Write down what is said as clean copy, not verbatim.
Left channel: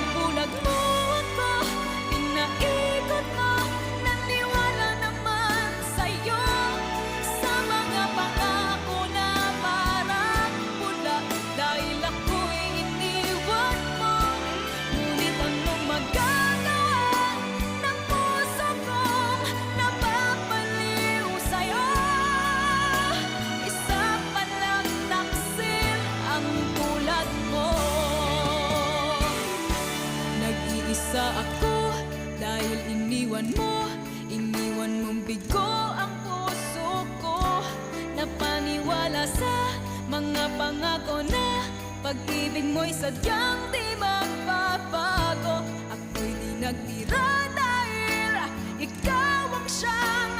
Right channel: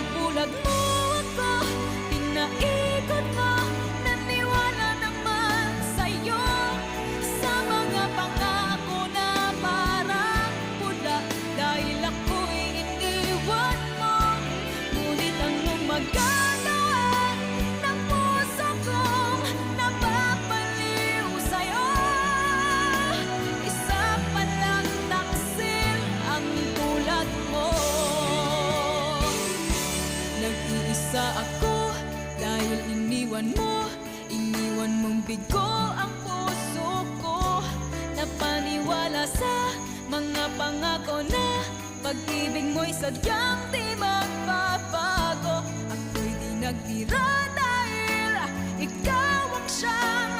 Pinagbulag mo ako, pinaikot mo, naniwala naman sa'yo, sa mga pangako na parang pula. Dahil ako'y iniwan mo, ngunit anong magagawa ng puso kong napapaliw sa'yo? Isa palang taksil ang tulad mo. Nag-iisa ako dahil iniwan mong bigo ang puso ko. Napaniwala sa mga pangako na pag-ibig mo'y sadyang di magbabago. Ako'y di nagtira dahil ikaw ang siyang